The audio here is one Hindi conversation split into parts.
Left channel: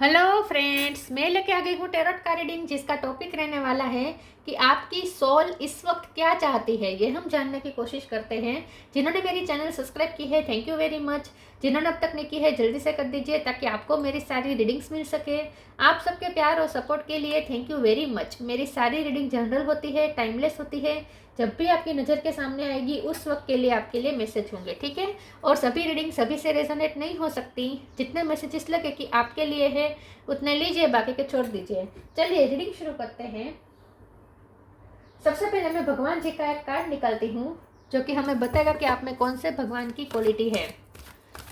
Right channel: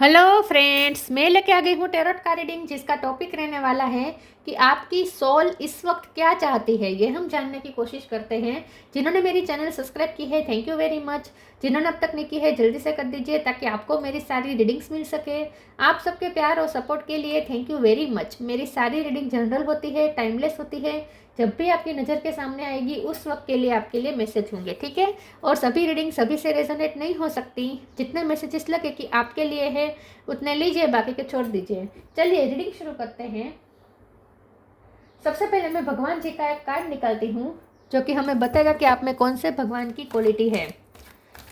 हेलो फ्रेंड्स, मैं लेके आ गई हूँ टेरोट का रीडिंग, जिसका टॉपिक रहने वाला है कि आपकी सोल इस वक्त क्या चाहती है। ये हम जानने की कोशिश करते हैं। जिन्होंने मेरी चैनल सब्सक्राइब की है, थैंक यू वेरी मच। जिन्होंने अब तक नहीं की है, जल्दी से कर दीजिए ताकि आपको मेरी सारी रीडिंग्स मिल सके। आप सबके प्यार और सपोर्ट के लिए थैंक यू वेरी मच। मेरी सारी रीडिंग जनरल होती है, टाइमलेस होती है। जब भी आपकी नज़र के सामने आएगी उस वक्त के लिए आपके लिए मैसेज होंगे, ठीक है। और सभी रीडिंग सभी से रेजोनेट नहीं हो सकती। जितने मैसेजेस लगे कि आपके लिए है उतने लीजिए, बाकी के छोड़ दीजिए। चलिए रीडिंग शुरू करते हैं। सबसे पहले मैं भगवान जी का एक कार्ड निकालती हूँ जो कि हमें बताएगा कि आप में कौन से भगवान की क्वालिटी है।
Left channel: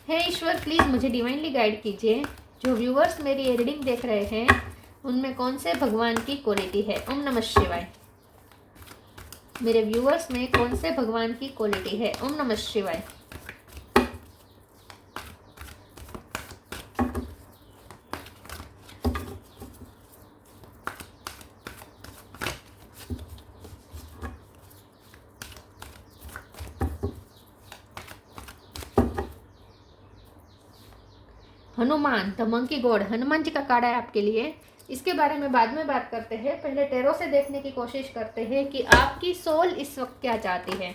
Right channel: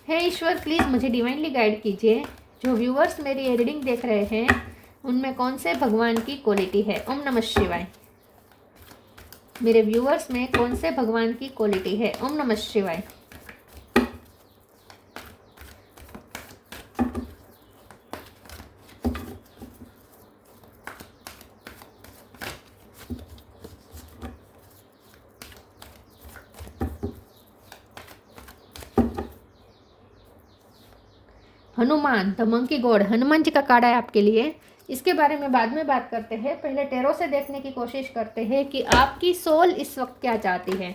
हे ईश्वर, प्लीज़ मुझे डिवाइनली गाइड कीजिए। जो व्यूअर्स मेरी ये रीडिंग देख रहे हैं उनमें कौन से भगवान की क्वालिटी है। ओम नमः शिवाय। मेरे व्यूअर्स में कौन से भगवान की क्वालिटी है। ओम नमः शिवाय। Hanuman, the monkey god, Hanuman ji का कार्ड है आपके लिए। इसके बारे में बाद में बात करते हैं। पहले टेरो से देखने की कोशिश करते हैं कि आपकी सोल इस वक्त क्या चाहती है।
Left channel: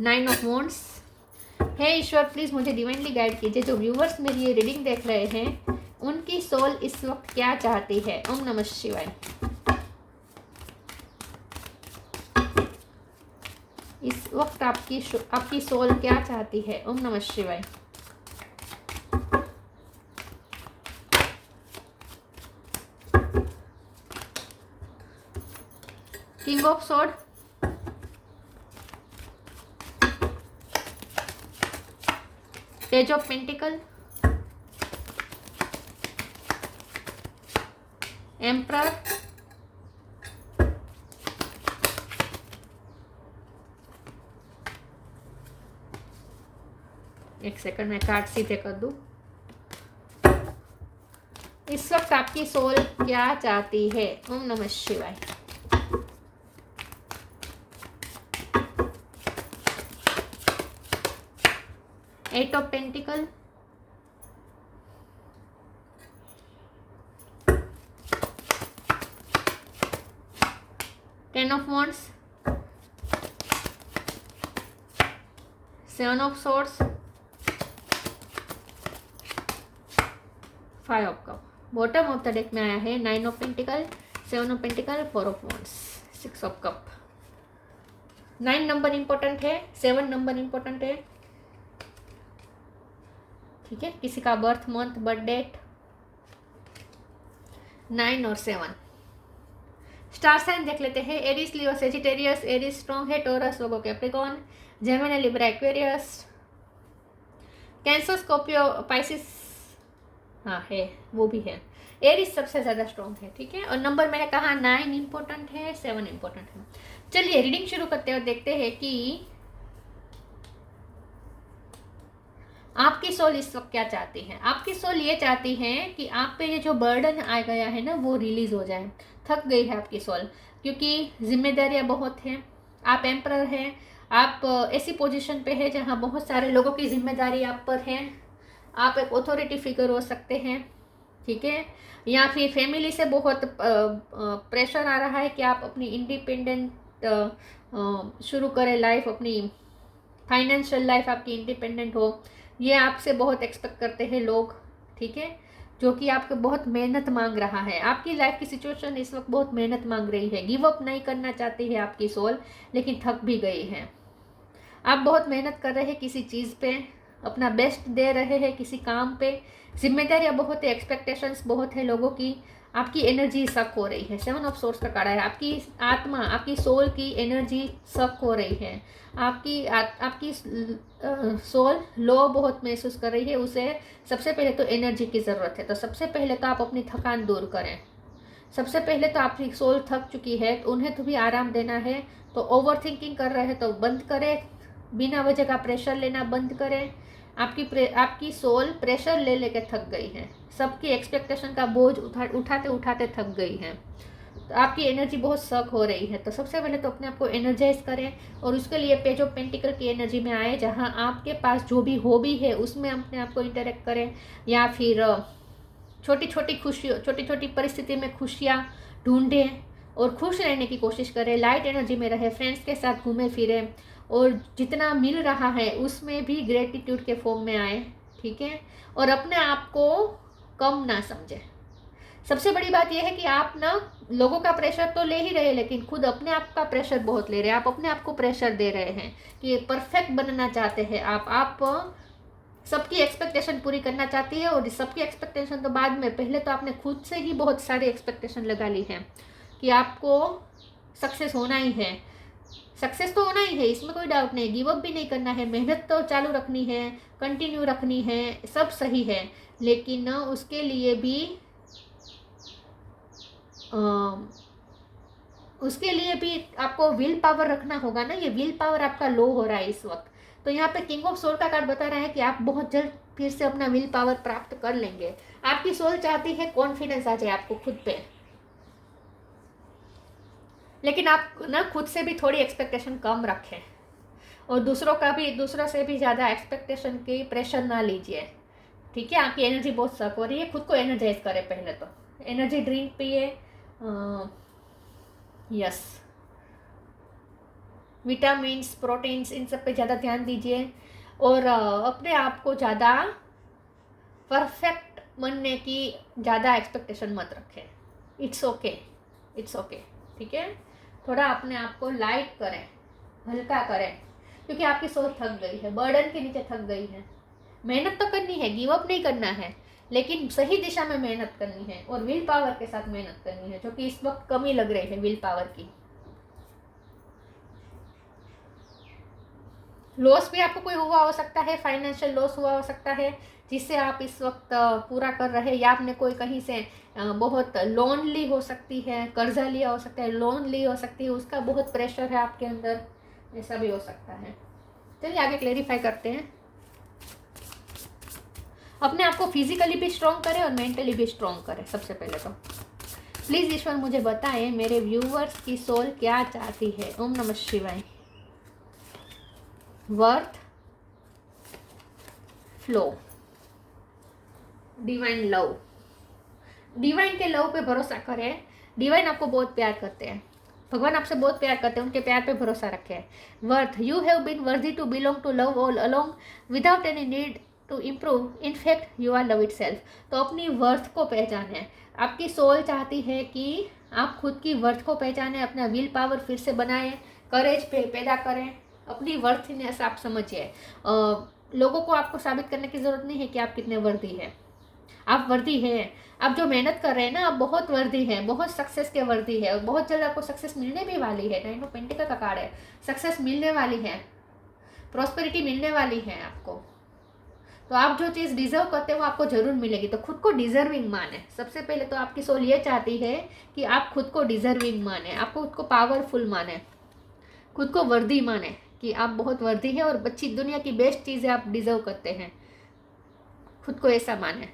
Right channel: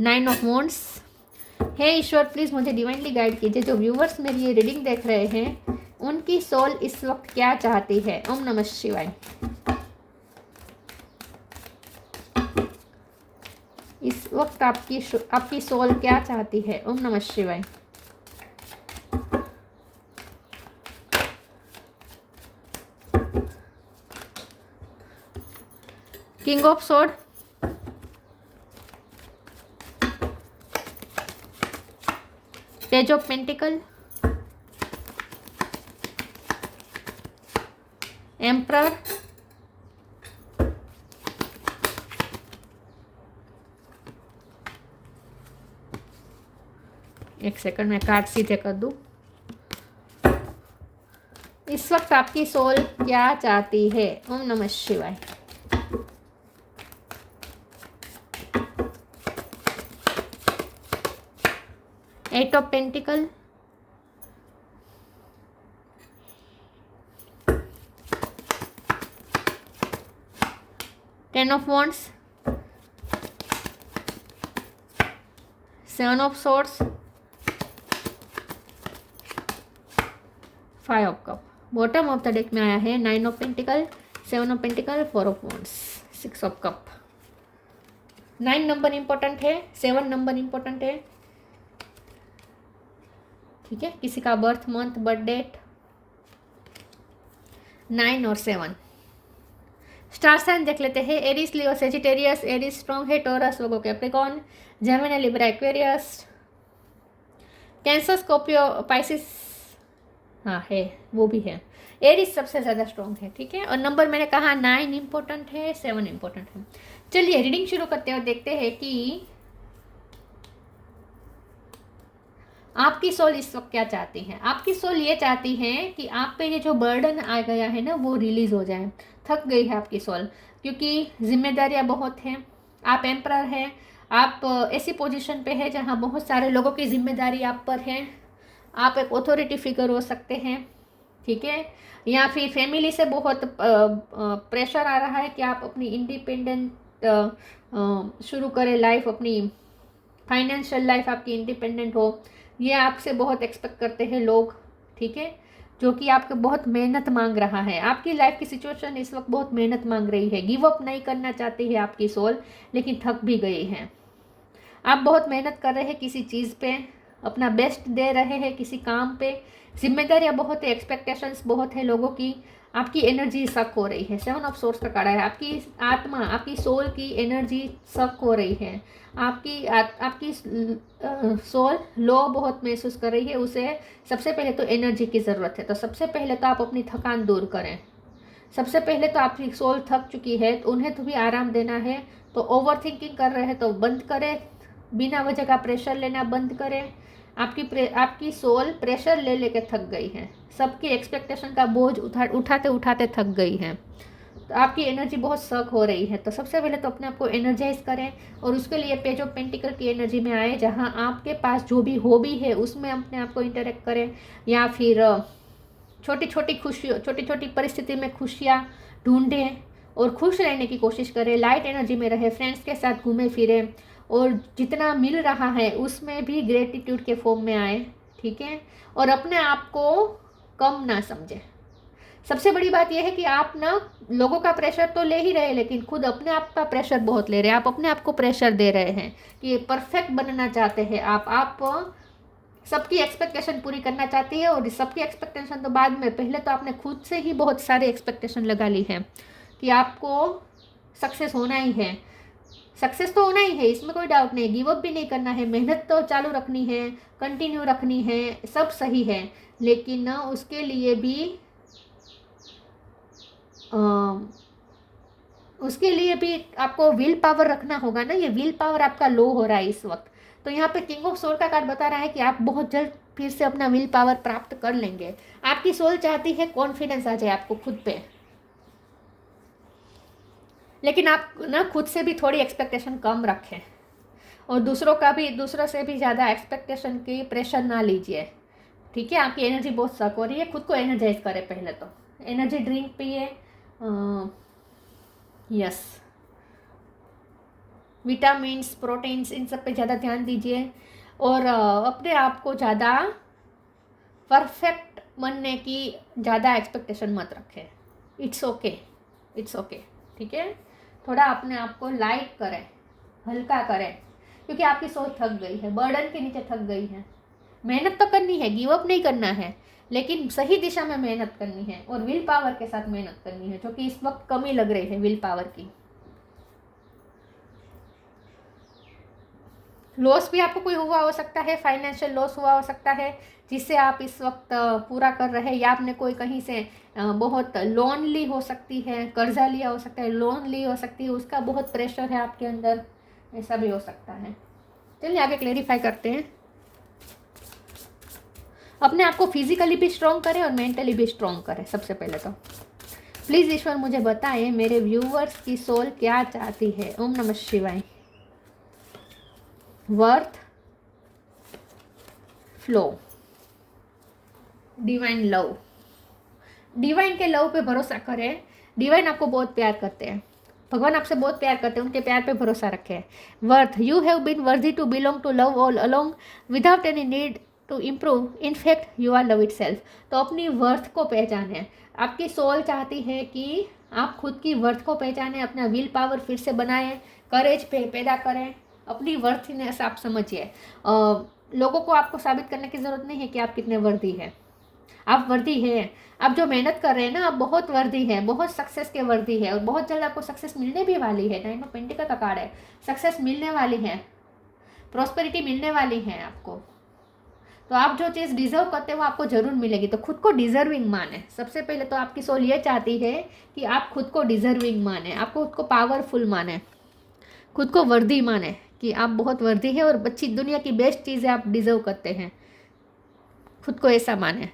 9 ऑफ वॉन्ड्स। हे ईश्वर, प्लीज़ मुझे डिवाइनली गाइड कीजिए। जो व्यूवर्स मेरी ये रीडिंग देख रहे हैं उनकी सोल इस वक्त क्या चाहती है। ओम नमः शिवाय। इस वक्त आपकी सोल क्या चाहती है। ओम नमः शिवाय। King of sword, page of pentacle, emperor, एक सेकंड मैं कार्ड सीधे कर दूं। इस वक्त आपकी सोल क्या चाहती है। ओम नमः शिवाय। Eight of pentacle, 10 of wands, 7 of swords, 5 of cup. Bottom of the deck में आया है 9 of pentacle, 7 of pentacle, 4 of wands, 6 of cup. 9 number important है, 7 नंबर इंपॉर्टेंट है, ठीक है। किसी का बर्थ मंथ, बर्थ डेट 9 और 7। स्टार साइन देख लेते हैं। Aries, Leo, Sagittarius. Aries strong है, टोरस, लोगो, Capricorn, Gemini, Libra, Aquarius, Cancer, Scorpio, Pisces, हाँ है, वो भी है। एरिस सबसे ज़्यादा स्ट्रॉन्ग है, ठीक है। और नंबर मैंने कहा 9 इंपॉर्टेंट है, 7 इंपॉर्टेंट है। चलिए रीडिंग शुरू करते हैं और देखते हैं कि आपकी सोल इस वक्त क्या चाहती है। आपकी सोल ये चाहती है कि आप पे ये जो बर्डन आ गया है ना वो रिलीज हो जाए। थक गई है आपकी सोल, क्योंकि जिम्मेदारियां बहुत हैं। आप एम्परर हैं। आप ऐसी पोजीशन पे है जहां बहुत सारे लोगों की जिम्मेदारी आप पर है। आप एक अथॉरिटी फिगर हो सकते हैं, ठीक है। या फिर फैमिली से बहुत प्रेशर आ रहा है कि आप अपनी इंडिपेंडेंट शुरू करें लाइफ, अपनी फाइनेंशियल लाइफ आपकी इंडिपेंडेंट हो। ये आपसे बहुत एक्सपेक्ट करते हैं लोग, ठीक है। जो कि आपको बहुत मेहनत मांग रहा है। आपकी लाइफ की सिचुएशन इस वक्त बहुत मेहनत मांग रही है। गिव अप नहीं करना चाहती है आपकी सोल, लेकिन थक भी गई है। आप बहुत मेहनत कर रहे हैं किसी चीज़ पे, अपना बेस्ट दे रहे हैं किसी काम पे। जिम्मेदारियां बहुत है, एक्सपेक्टेशंस बहुत है लोगों की। आपकी एनर्जी सक हो रही है। 7 ऑफ सोर्स का कार्ड है। आपकी आत्मा, आपकी सोल की एनर्जी सक हो रही है। आपकी सोल लो बहुत महसूस कर रही है। उसे सबसे पहले तो एनर्जी की ज़रूरत है। तो सबसे पहले तो आप अपनी थकान दूर करें। सबसे पहले तो आपकी सोल थक चुकी है तो उन्हें तो भी आराम देना है। तो ओवर थिंकिंग कर रहे हैं तो बंद करें। बिना वजह का प्रेशर लेना बंद करें। आपकी सोल प्रेशर ले लेके थक गई है। सबकी एक्सपेक्टेशन का बोझ उठाते उठाते थक गई है। तो आपकी एनर्जी बहुत सक हो रही है। तो सबसे पहले तो अपने आप को एनर्जाइज करें और उसके लिए पेज ऑफ पेंटिकल की एनर्जी में आए, जहां आपके पास जो भी हॉबी है उसमें अपने आप को इंटरेक्ट करें। या फिर छोटी छोटी खुशियों, छोटी छोटी परिस्थिति में खुशियाँ ढूंढें और खुश रहने की कोशिश करें, लाइट एनर्जी में रहे, फ्रेंड्स के साथ घूमे फिरे और जितना मिल रहा है उसमें भी ग्रेटिट्यूड के फॉर्म में आए, ठीक है। और अपने आप को कम ना समझे। सबसे बड़ी बात यह है कि आप ना लोगों का प्रेशर तो ले ही रहे, लेकिन खुद अपने आप का प्रेशर बहुत ले रहे हैं। आप अपने आप को प्रेशर दे रहे हैं कि परफेक्ट बनना चाहते हैं आप सबकी एक्सपेक्टेशन पूरी करना चाहती है। और सबकी एक्सपेक्टेशन तो बाद में, पहले तो आपने खुद से ही बहुत सारी एक्सपेक्टेशन लगा ली है कि आपको सक्सेस होना ही है। सक्सेस तो होना ही है, इसमें कोई डाउट नहीं, गिव अप भी नहीं करना है, मेहनत तो चालू रखनी है, कंटिन्यू रखनी है, सब सही है। लेकिन उसके लिए भी आपको विल पावर रखना होगा ना। ये विल पावर आपका लो हो रहा है इस वक्त। तो यहाँ पे किंग ऑफ सोल का कार्ड बता रहा है कि आप बहुत जल्द फिर से अपना विल पावर प्राप्त कर लेंगे। आपकी सोल चाहती है कॉन्फिडेंस आ जाए आपको खुद पे, लेकिन आप ना खुद से भी थोड़ी एक्सपेक्टेशन कम रखें और दूसरों से भी ज़्यादा एक्सपेक्टेशन की प्रेशर ना लीजिए, ठीक है। आपकी एनर्जी बहुत सक हो रही है, खुद को एनर्जाइज करें। पहले तो एनर्जी ड्रिंक पिए, यस, विटामिन्स, प्रोटीन्स, इन सब पे ज़्यादा ध्यान दीजिए और अपने आप को ज़्यादा परफेक्ट बनने की ज़्यादा एक्सपेक्टेशन मत रखें। इट्स ओके, इट्स ओके, ठीक है। थोड़ा अपने आप को लाइट करें, हल्का करें, क्योंकि आपकी सोच थक गई है, बर्डन के नीचे थक गई है। मेहनत तो करनी है, गिव अप नहीं करना है, लेकिन सही दिशा में मेहनत करनी है और विल पावर के साथ मेहनत करनी है, जो कि इस वक्त कमी लग रही है विल पावर की। लॉस भी आपको कोई हुआ हो सकता है, फाइनेंशियल लॉस हुआ हो सकता है, जिससे आप इस वक्त पूरा कर रहे हैं, या आपने कोई कहीं से बहुत लोन ली हो सकती है, कर्जा लिया हो सकता है, लोन ली हो सकती है, उसका बहुत प्रेशर है आपके अंदर, ऐसा भी हो सकता है। चलिए आगे क्लेरिफाई करते हैं। अपने आप को फिजिकली भी स्ट्रॉन्ग करें और मेंटली भी स्ट्रॉन्ग करें। सबसे पहले तो प्लीज़ ईश्वर मुझे बताएं मेरे व्यूअर्स की सोल क्या चाहती है। ओम नमः शिवाय। Worth, flow, divine love. Divine के लव पे भरोसा करें। डिवाइन आपको बहुत प्यार करते हैं, भगवान आपसे बहुत प्यार करते हैं, उनके प्यार पे भरोसा रखें। Worth, you have been worthy to belong to love all along without any need to improve, in fact you are love itself. तो अपनी वर्थ को पहचानें। आपकी सोल चाहती है कि आप खुद की वर्थ को पहचानें, अपना विल पावर फिर से बनाएं, करेज पैदा करें, अपनी वर्थनेस आप समझिए। लोगों को आपको साबित करने की ज़रूरत नहीं है कि आप कितने वर्दी हैं। आप वर्दी हैं। आप जो मेहनत कर रहे हैं ना, आप बहुत वर्दी हैं, बहुत सक्सेस के वर्दी है और बहुत जल्द आपको सक्सेस मिलने भी वाली है। 9 ऑफ पेंटिकल का कार्ड है, सक्सेस मिलने वाली है, प्रॉस्पेरिटी मिलने वाली है आपको। तो आप जो चीज़ डिजर्व करते हो आपको ज़रूर मिलेगी। तो खुद को डिजर्विंग माने। सबसे पहले तो आपकी सोल ये चाहती है कि आप खुद को डिजर्विंग माने, आप खुद को पावरफुल माने, खुद को वर्दी माने कि आप बहुत वर्दी है और अच्छी दुनिया की बेस्ट चीज़ें आप डिजर्व करते हैं। खुद को ऐसा माने।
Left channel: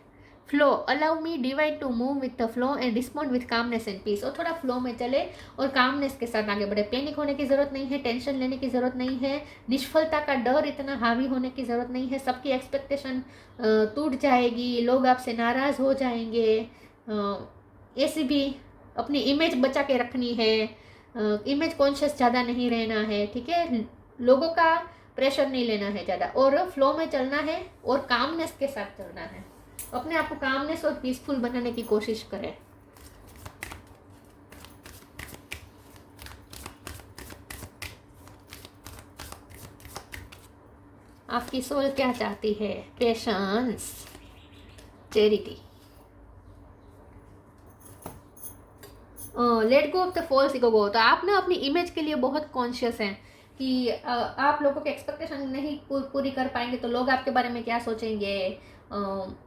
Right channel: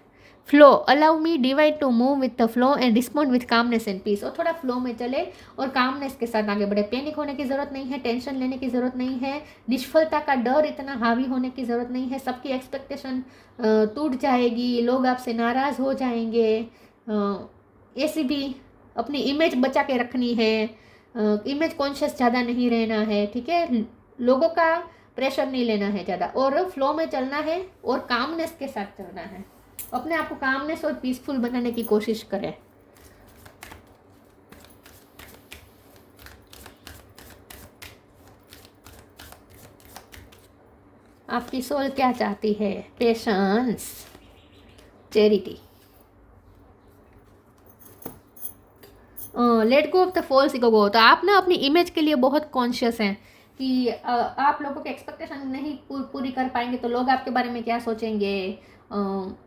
Flow, allow me divine to move with the flow and respond with calmness and peace. और थोड़ा फ्लो में चले और कामनेस के साथ आगे बढ़े। पैनिक होने की ज़रूरत नहीं है, टेंशन लेने की ज़रूरत नहीं है, निष्फलता का डर इतना हावी होने की ज़रूरत नहीं है। सबकी एक्सपेक्टेशन टूट जाएगी, लोग आपसे नाराज़ हो जाएंगे। ऐसी भी अपनी इमेज बचा के रखनी है, इमेज कॉन्शियस ज़्यादा नहीं रहना है, ठीक है। लोगों का प्रेशर नहीं लेना है ज़्यादा और फ्लो में चलना है और कामनेस के साथ चलना है। अपने आप को कामनेस और पीसफुल बनाने की कोशिश करें। आपकी सोल क्या चाहती है? Patience, charity, let go of the false ego. तो आप ना अपनी इमेज के लिए बहुत कॉन्शियस हैं कि आप लोगों के एक्सपेक्टेशन नहीं पूरी कर पाएंगे तो लोग आपके बारे में क्या सोचेंगे,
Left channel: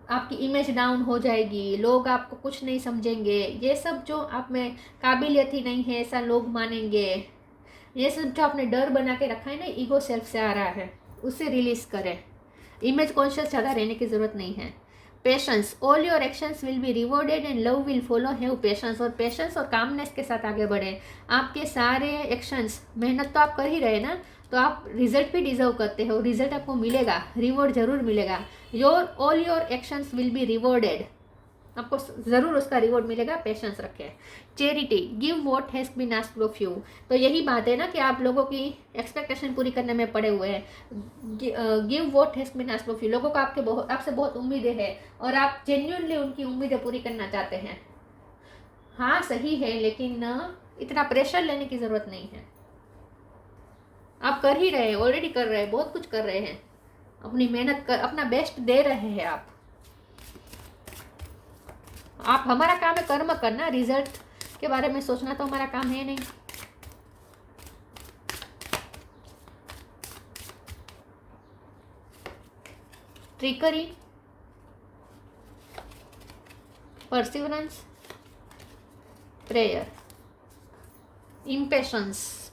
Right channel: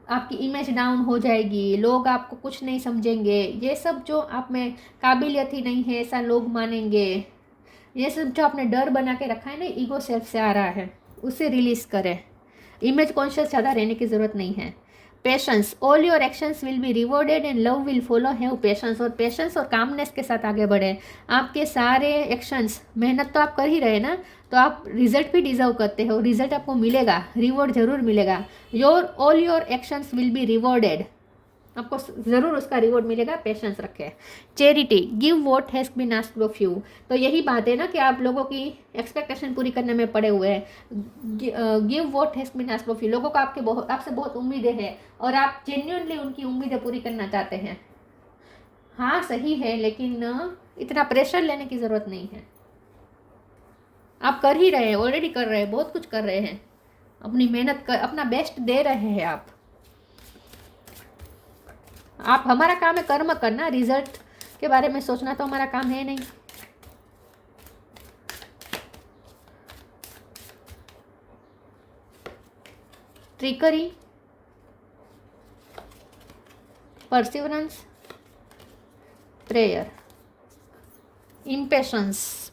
आपकी इमेज डाउन हो जाएगी, लोग आपको कुछ नहीं समझेंगे। ये सब जो आप में काबिलियत ही नहीं है ऐसा लोग मानेंगे, ये सब जो आपने डर बना के रखा है ना, ईगो सेल्फ से आ रहा है, उसे रिलीज़ करें। इमेज कॉन्शियस ज़्यादा रहने की ज़रूरत नहीं है। Patience, all your actions will be rewarded and love will follow. Have patience, और पेशेंस और कामनेस के साथ आगे बढ़े। आपके सारे एक्शंस, मेहनत तो आप कर ही रहे ना, तो आप रिजल्ट भी डिजर्व करते हो, रिजल्ट आपको मिलेगा, रिवॉर्ड जरूर मिलेगा। All your actions will be rewarded, आपको ज़रूर उसका रिवॉर्ड मिलेगा, पेशेंस रखें। Charity, give what has been asked of you. तो यही बात है ना कि आप लोगों की एक्सपेक्टेशन पूरी करने में पड़े हुए हैं। Give what has been asked of you, लोगों को आपसे बहुत उम्मीदें हैं और आप जेन्युइनली उनकी उम्मीदें पूरी करना चाहते हैं। हाँ सही है, लेकिन इतना प्रेशर लेने की ज़रूरत नहीं है। आप कर ही रहे हैं, ऑलरेडी कर रहे हैं, बहुत कुछ कर रहे हैं, अपनी मेहनत कर, अपना बेस्ट दे रहे हैं आप। हमारा काम है कर्म करना, रिजल्ट के बारे में सोचना तो हमारा काम है नहीं। Trickery, perseverance, prayer, impatience.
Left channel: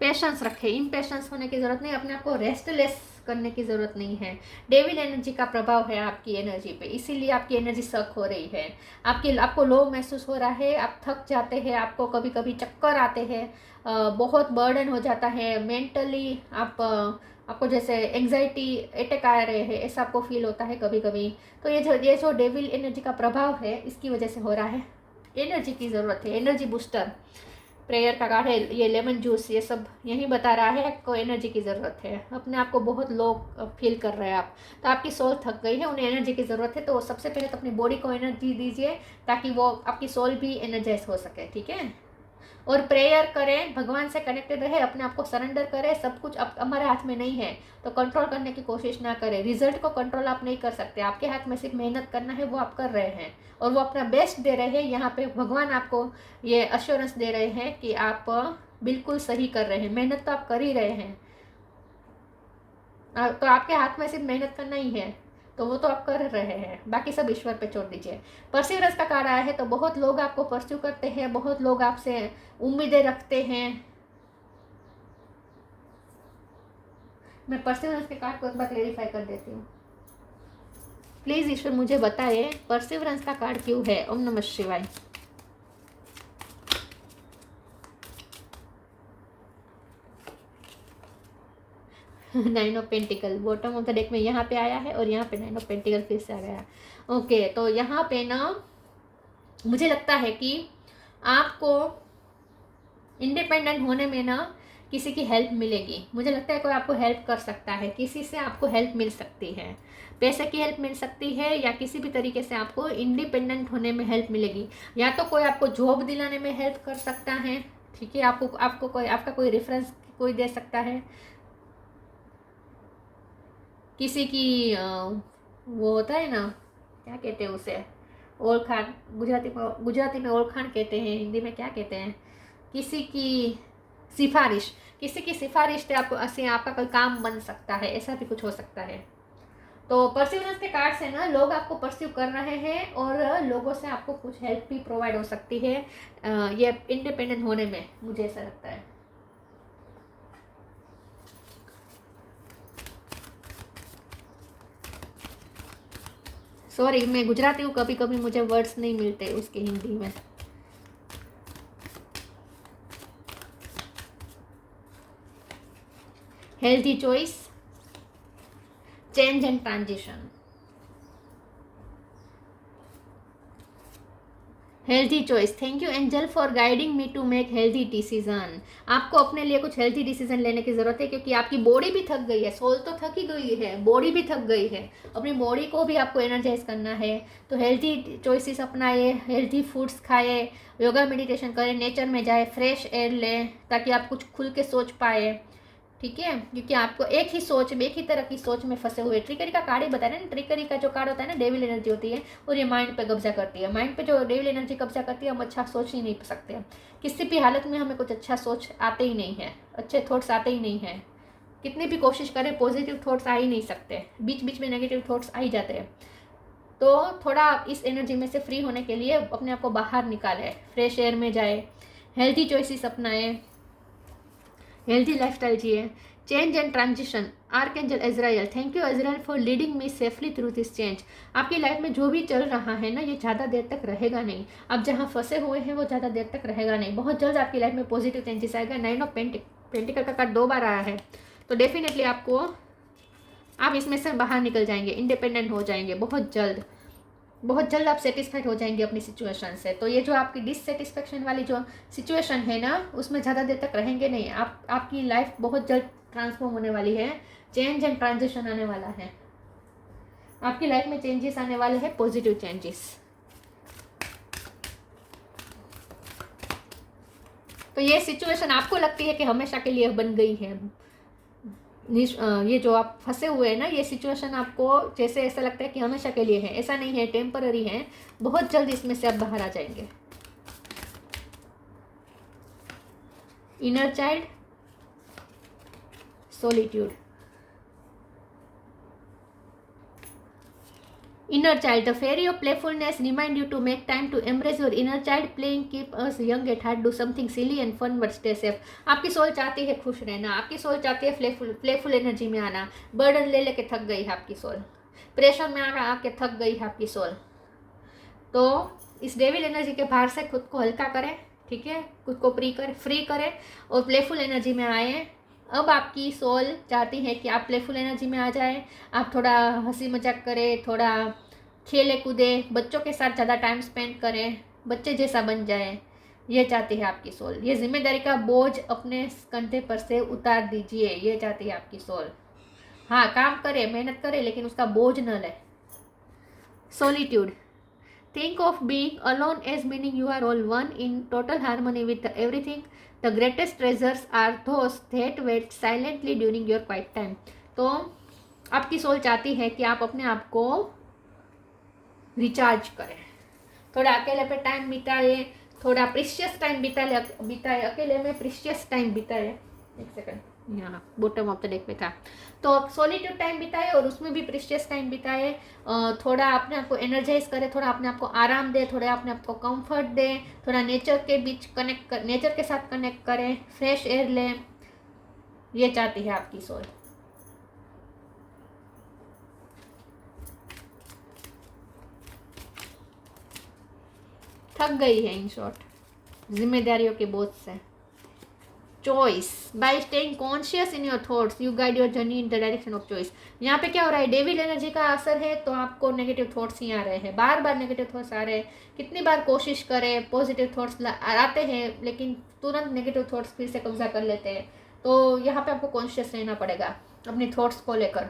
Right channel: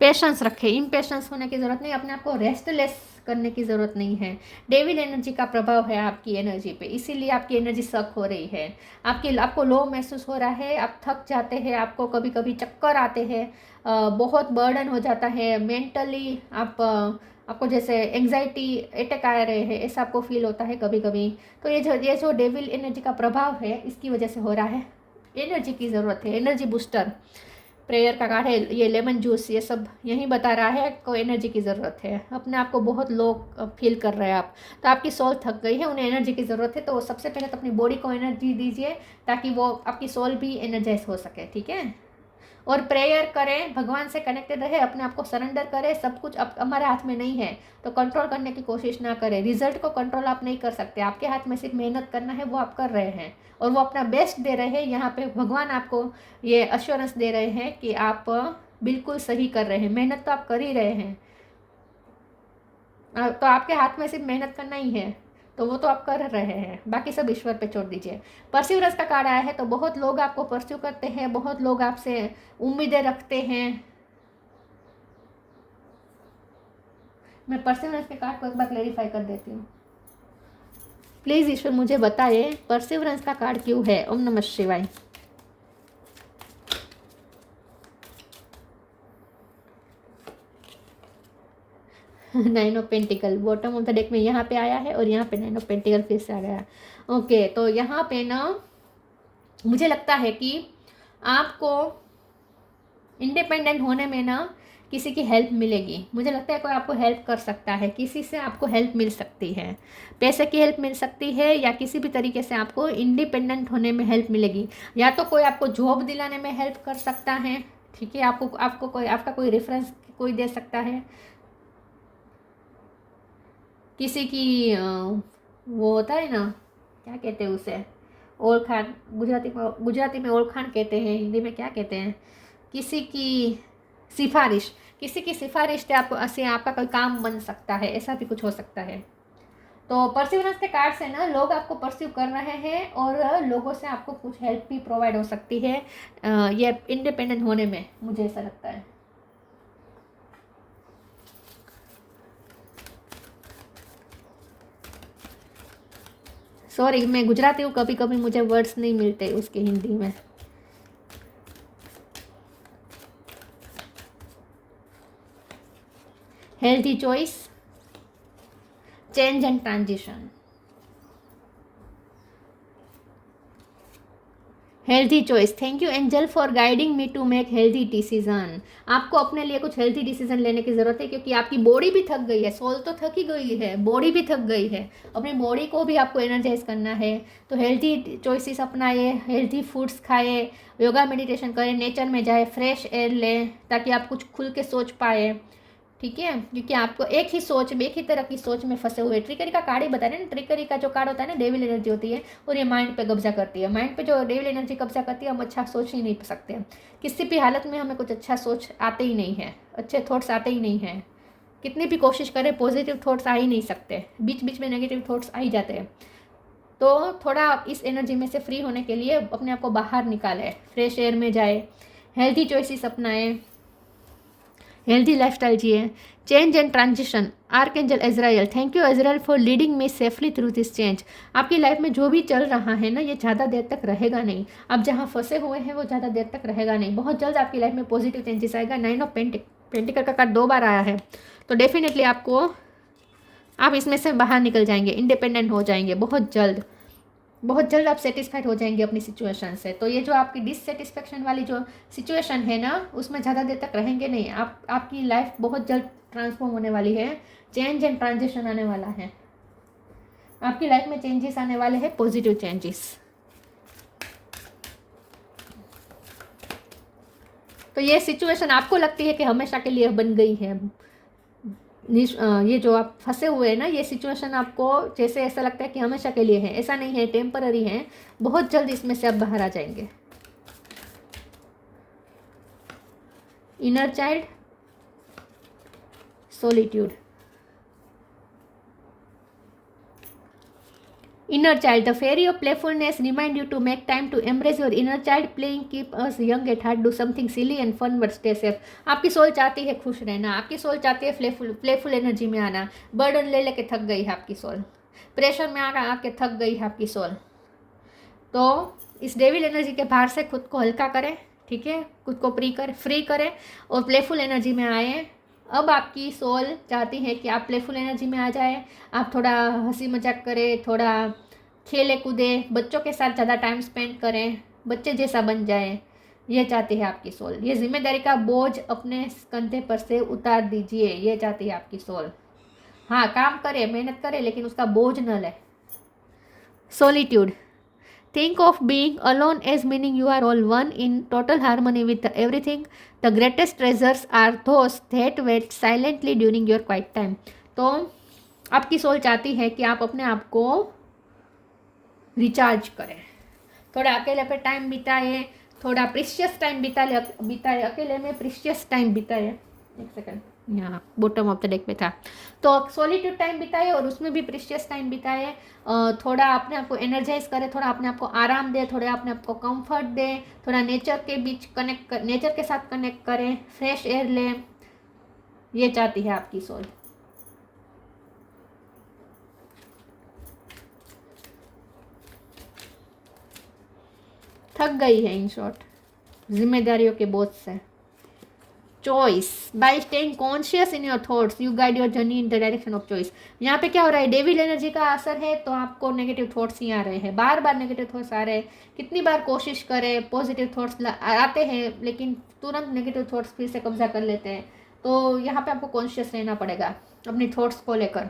Patience रखें, इम्पेशंस होने की ज़रूरत नहीं, अपने आप को रेस्टलेस करने की ज़रूरत नहीं है। डेविल एनर्जी का प्रभाव है आपकी एनर्जी पे, इसीलिए आपकी एनर्जी सक हो रही है। आपको लो महसूस हो रहा है, आप थक जाते हैं, आपको कभी कभी चक्कर आते हैं, बहुत बर्डन हो जाता है मेंटली। आपको जैसे एंग्जाइटी अटैक आ रहे हैं, ऐसा आपको फील होता है कभी कभी। तो ये जो डेविल एनर्जी का प्रभाव है, इसकी वजह से हो रहा है। एनर्जी की ज़रूरत है, एनर्जी बूस्टर, प्रेयर का कार्ड है, ये लेमन जूस, ये सब यही बता रहा है आपको एनर्जी की ज़रूरत है। अपने आप को बहुत लो फील कर रहे हैं आप, तो आपकी सोल थक गई है, उन्हें एनर्जी की ज़रूरत है। तो सबसे पहले तो अपनी बॉडी को एनर्जी दीजिए ताकि वो आपकी सोल भी एनर्जाइज हो सके, ठीक है। और प्रेयर करें, भगवान से कनेक्टेड रहे, अपने आप को सरेंडर करें। सब कुछ अब हमारे हाथ में नहीं है, तो कंट्रोल करने की कोशिश ना करें। रिजल्ट को कंट्रोल आप नहीं कर सकते, आपके हाथ में सिर्फ मेहनत करना है, वो आप कर रहे हैं और वो अपना बेस्ट दे रहे हैं। यहाँ पे भगवान आपको ये अश्योरेंस दे रहे हैं कि आप बिल्कुल सही कर रहे हैं, मेहनत तो आप कर ही रहे हैं। तो आपके हाथ में सिर्फ मेहनत करना ही है, तो वो तो आप कर रहे हैं, बाकी सब ईश्वर पे छोड़ दीजिए। परसिवरेंस का कार्ड आया है, तो बहुत लोग आपको परस्यू करते हैं, बहुत लोग आपसे उम्मीदें रखते हैं। मैं परसिवरेंस के कार्ड को एक बार क्लेरिफाई कर देती हूँ। प्लीज़ ईश्वर मुझे बताइए परसिवरेंस का कार्ड क्यों है। ओम नमः शिवाय। Nine of pentacle bottom of the deck में यहाँ पे आया है और यहाँ पे नाइन ऑफ पेंटिकल फिर से आ गया। ओके, तो यहाँ पे ना मुझे लगता है कि आपको इंडिपेंडेंट होने में ना किसी की हेल्प मिलेगी। मुझे लगता है कोई आपको हेल्प कर सकता है, किसी से आपको हेल्प मिल सकती है, पैसे की हेल्प मिल सकती है या किसी भी तरीके से आपको इंडिपेंडेंट होने में हेल्प मिलेगी। या तो कोई आपको जॉब दिलाने में हेल्प कर सकता है, ठीक है, आपको कोई आपका कोई रेफरेंस कोई दे सकता है, किसी की वो होता है ना, क्या कहते हैं उसे, ओळखाण, गुजराती में ओळखाण कहते हैं, हिंदी में क्या कहते हैं, किसी की सिफारिश से आपका कोई काम बन सकता है, ऐसा भी कुछ हो सकता है। तो परसिवरेंस के कार्ड से ना लोग आपको परस्यू कर रहे हैं और लोगों से आपको कुछ हेल्प भी प्रोवाइड हो सकती है ये इंडिपेंडेंट होने में, मुझे ऐसा लगता है। सॉरी, मैं गुजराती हूँ, कभी कभी मुझे वर्ड्स नहीं मिलते उसके हिंदी में। Healthy choice, change and transition. Healthy choice, thank you angel for guiding me to make healthy decision. आपको अपने लिए कुछ हेल्थी डिसीजन लेने की ज़रूरत है, क्योंकि आपकी बॉडी भी थक गई है, सोल तो थक ही गई है, बॉडी भी थक गई है, अपनी बॉडी को भी आपको एनर्जाइज करना है। तो हेल्थी चॉइसेस अपनाइए, हेल्थी फूड्स खाइए, योगा मेडिटेशन करें, नेचर में जाए, फ्रेश एयर लें, ताकि आप कुछ खुल के सोच पाए, ठीक है। क्योंकि आपको एक ही तरह की सोच में फंसे हुए। ट्रिकरी का कार्ड ही बता रहे हैं ना, ट्रिकरी का जो कार्ड होता है ना, डेविल एनर्जी होती है और ये माइंड पे कब्जा करती है। माइंड पे जो डेविल एनर्जी कब्जा करती है, हम अच्छा सोच ही नहीं सकते, किसी भी हालत में हमें कुछ अच्छा सोच आते ही नहीं है, अच्छे थॉट्स आते ही नहीं हैं। कितनी भी कोशिश करें पॉजिटिव थॉट्स आ ही नहीं सकते, बीच बीच में नेगेटिव थॉट्स आ ही जाते हैं। तो थोड़ा इस एनर्जी में से फ्री होने के लिए अपने आप को बाहर निकालें, फ्रेश एयर में जाए, हेल्थी चॉइसेस अपनाएं, हेल्थी लाइफस्टाइल जिए। Change and transition, archangel Israel, thank you Israel for leading me safely through this change. आपकी लाइफ में जो भी चल रहा है ना, ये ज़्यादा देर तक रहेगा नहीं। आप जहाँ फंसे हुए हैं वो ज़्यादा देर तक रहेगा नहीं, बहुत जल्द आपकी लाइफ में पॉजिटिव चेंजेस आएगा। नाइन ऑफ पेंटिकल का कार्ड 2 बार आया है, तो डेफिनेटली आप इसमें से बाहर निकल जाएंगे, इंडिपेंडेंट हो जाएंगे बहुत जल्द। बहुत जल्द आप सेटिस्फाइड हो जाएंगे अपनी सिचुएशन से। तो ये जो आपकी डिससेटिस्फेक्शन वाली जो सिचुएशन है ना, उसमें ज़्यादा देर तक रहेंगे नहीं। आपकी लाइफ बहुत जल्द ट्रांसफॉर्म होने वाली है, चेंज एंड ट्रांजिशन आने वाला है, आपकी लाइफ में चेंजेस आने वाले हैं, पॉजिटिव चेंजेस। तो ये सिचुएशन आपको लगती है कि हमेशा के लिए बन गई है, ये जो आप फंसे हुए हैं ना, ये सिचुएशन आपको जैसे ऐसा लगता है कि हमेशा के लिए है, ऐसा नहीं है, टेम्पररी है, बहुत जल्द इसमें से आप बाहर आ जाएंगे। Inner child, solitude. Inner child, the fairy of playfulness remind you to make time to embrace your inner child. Playing keep us young at heart. Do something silly and fun but stay safe. आपकी सोल चाहती है खुश रहना, आपकी सोल चाहती है प्लेफुल एनर्जी में आना। बर्डन ले लेके थक गई है आपकी सोल, प्रेशर में आके थक गई है आपकी सोल। तो इस डेविल एनर्जी के बाहर से खुद को हल्का करें, ठीक है, खुद को फ्री करें और प्लेफुल एनर्जी में आए। अब आपकी सोल चाहती है कि आप प्लेफुल एनर्जी में आ जाए, आप थोड़ा हंसी मजाक करें, थोड़ा खेले कूदे, बच्चों के साथ ज़्यादा टाइम स्पेंड करें, बच्चे जैसा बन जाए, ये चाहती है आपकी सोल। ये जिम्मेदारी का बोझ अपने कंधे पर से उतार दीजिए, ये चाहती है आपकी सोल। हाँ, काम करे, मेहनत करे, लेकिन उसका बोझ न ले। Solitude, think of being alone as meaning you are all one in total harmony with everything. The greatest treasures are those that wait silently during your quiet time. तो आपकी सोल चाहती है कि आप अपने आप को रिचार्ज करें, थोड़ा अकेले पे टाइम बिताए, थोड़ा प्रीशियस टाइम बिताए, अकेले में प्रीशियस टाइम बिताए। एक सेकंड, यहाँ बॉटम ऑफ द डेक में था। तो सॉलिट्यूड टाइम बिताए और उसमें भी प्रीशियस टाइम बिताए। थोड़ा अपने आप को एनर्जाइज करे, थोड़ा अपने आप को आराम दे, थोड़ा अपने आप को कंफर्ट दे, थोड़ा नेचर के बीच नेचर के साथ कनेक्ट करें, फ्रेश एयर लें, ये चाहती है आपकी सोल। थक गई है, इन शॉर्ट, जिम्मेदारियों के बोझ से। Choice, bye staying conscious in your thoughts you guide your journey in the direction of choice. यहाँ पे क्या हो रहा है, डेविल एनर्जी का असर है, तो आपको नेगेटिव थॉट्स ही आ रहे हैं, बार बार नेगेटिव थॉट्स आ रहे हैं। कितनी बार कोशिश करें, पॉजिटिव थॉट्स आते हैं, लेकिन तुरंत नेगेटिव थॉट्स फिर से कब्जा कर लेते हैं। तो यहाँ पे आपको कॉन्शियस रहना पड़ेगा अपनी थॉट्स को लेकर।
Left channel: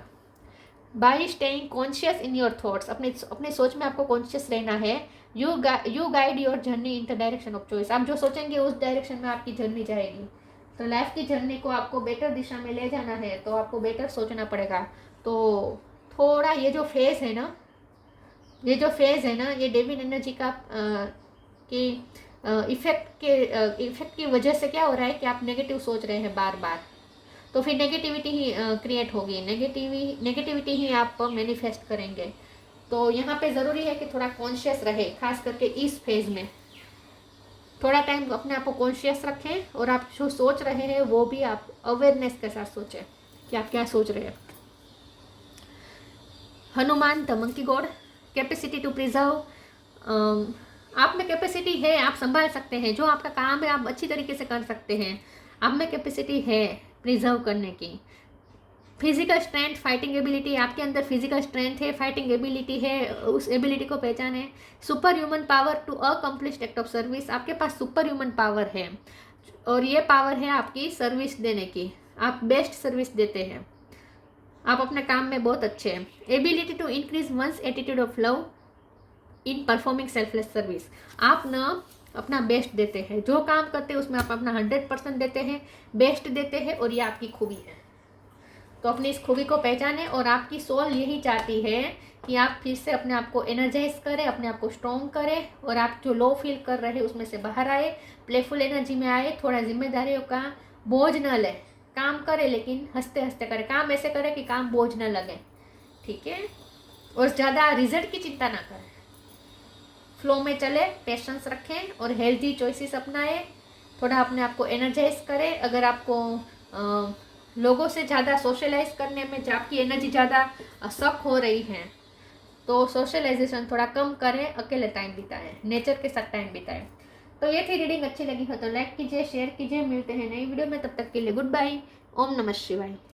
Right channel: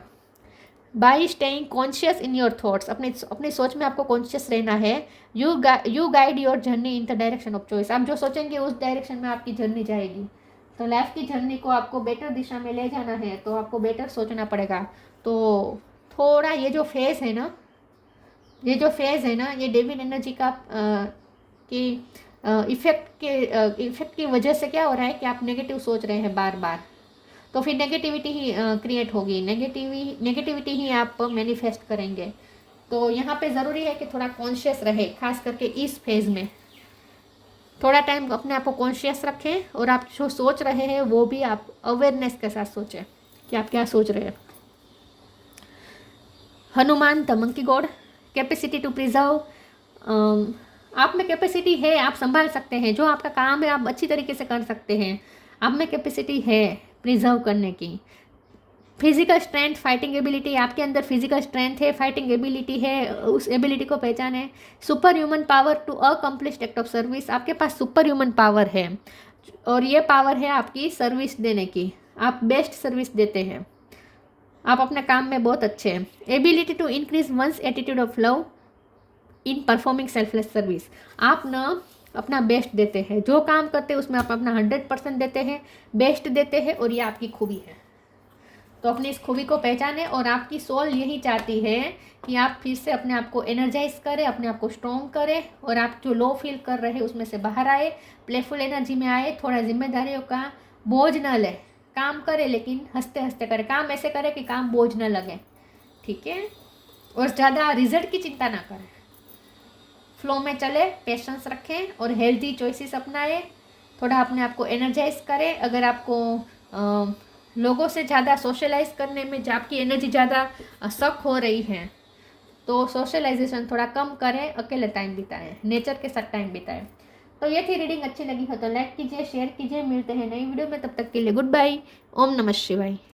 Bye staying conscious in your thoughts, अपनी सोच में आपको कॉन्शियस रहना है। You guide your journey in the direction of choice, आप जो सोचेंगे उस डायरेक्शन में आपकी जर्नी जाएगी। तो लाइफ की जर्नी को आपको बेटर दिशा में ले जाना है, तो आपको बेटर सोचना पड़ेगा। तो थोड़ा ये जो फेज़ है ना, ये डेविल एनर्जी का इफेक्ट की वजह से क्या हो रहा है कि आप नेगेटिव सोच रहे हैं बार बार, तो फिर नेगेटिविटी ही क्रिएट होगी, नेगेटिविटी ही आप मैनिफेस्ट करेंगे। तो यहाँ पे ज़रूरी है कि थोड़ा कॉन्शियस रहे, खास करके इस फेज़ में थोड़ा टाइम अपने आप को कॉन्शियस रखें, और आप जो सोच रहे हैं वो भी आप अवेयरनेस के साथ सोचें कि आप क्या सोच रहे हैं। Hanuman the monkey god, capacity to preserve, आप में कैपेसिटी है, आप संभाल सकते हैं, जो आपका काम है आप अच्छी तरीके से कर सकते हैं, आप में कैपेसिटी है प्रिजर्व करने की। फिजिकल स्ट्रेंथ, फाइटिंग एबिलिटी, आपके अंदर फिजिकल स्ट्रेंथ है, फाइटिंग एबिलिटी है, उस एबिलिटी को पहचाने। Super human power to accomplished act of service, आपके पास सुपर ह्यूमन पावर है, और ये पावर है आपकी सर्विस देने की, आप बेस्ट सर्विस देते हैं, आप अपने काम में बहुत अच्छे हैं। Ability to increase one's attitude of love in performing selfless service, आप ना अपना बेस्ट देते हैं, जो काम करते हैं उसमें आप अपना 100% देते हैं, बेस्ट देते हैं, और ये आपकी खूबी है। तो अपनी इस खूबी को पहचाने, और आपकी सोल यही चाहती है कि आप फिर से अपने आप को एनर्जाइज करें, अपने आप को स्ट्रॉन्ग करें, और आप जो लो फील कर रहे हैं उसमें से बाहर आए, प्लेफुल एनर्जी में आए, थोड़ा जिम्मेदारियों का बोझ न ले, काम करें लेकिन हंसते हंसते करें, काम ऐसे करें कि काम बोझ न लगे, ठीक है, और ज़्यादा रिजल्ट की चिंता ना करें, फ्लो में चले, पेशेंस रखें और हेल्दी चॉइसेस अपनाएं, थोड़ा अपने आप को एनर्जाइज करें। अगर आपको लोगों से ज़्यादा सोशलाइज करने में आपकी एनर्जी ज़्यादा सक हो रही है, तो सोशलाइजेशन थोड़ा कम करें, अकेले टाइम बिताएं, नेचर के साथ टाइम बिताएं। तो ये थी रीडिंग, अच्छी लगी हो तो लाइक कीजिए, शेयर कीजिए, मिलते हैं नई वीडियो में, तब तक के लिए गुड बाय, ओम नमः शिवाय।